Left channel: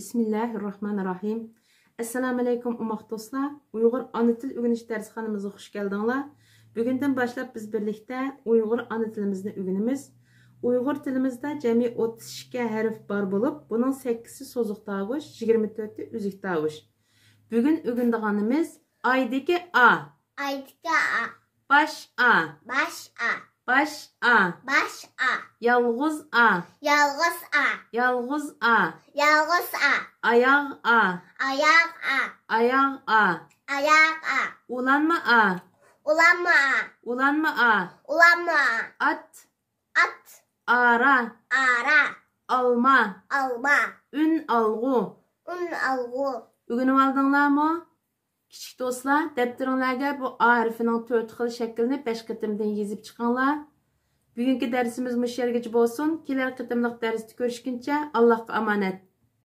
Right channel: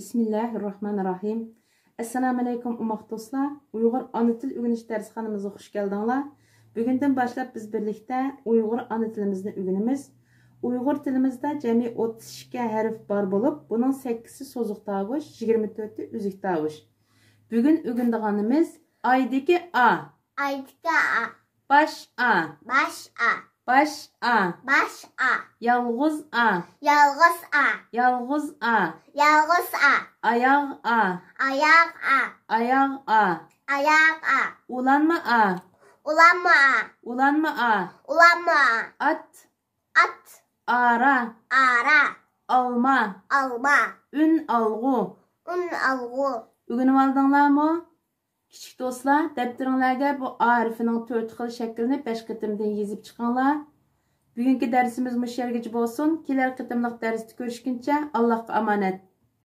Bismillahirrahmanirrahim. Assalamu alaikum umaq dostlar. Uyghur ana til öğreniş dersxanamıza hoş geldinglar. Bugünden başlap biz birlikte Uyghur ana tilimizni öğrenimiz. Uyghur tilimizde cemi 32 harf bar bulup, bunun 8'i sozuq tağış, 24'ü üzük tağış. Bugün öğrendiğimiz aydaki A. Aydaki A. Baş A. Baş A. Baş A. Baş A. Yalğız A. Yalğız A. Yalğız A. Yalğız A. Ayaq A. Ayaq A. Ayaq A. Ayaq A. Ulanma A. Ulanma A. Ulanma A. Ulanma A. At. At. Ara. Ara. Alma. Alma. Ün alğu. Un alğu. Öğrenip aldыңlarmı? Kiçik dostlar, defteringlarga bu A harfining 4 xil shaklini 5 qitimdan yezib chiqinglar. Bugungi darsimiz mush yergacha bo'lsin. Kelar qitimliq darsda ko'rishguncha Allohga omonat.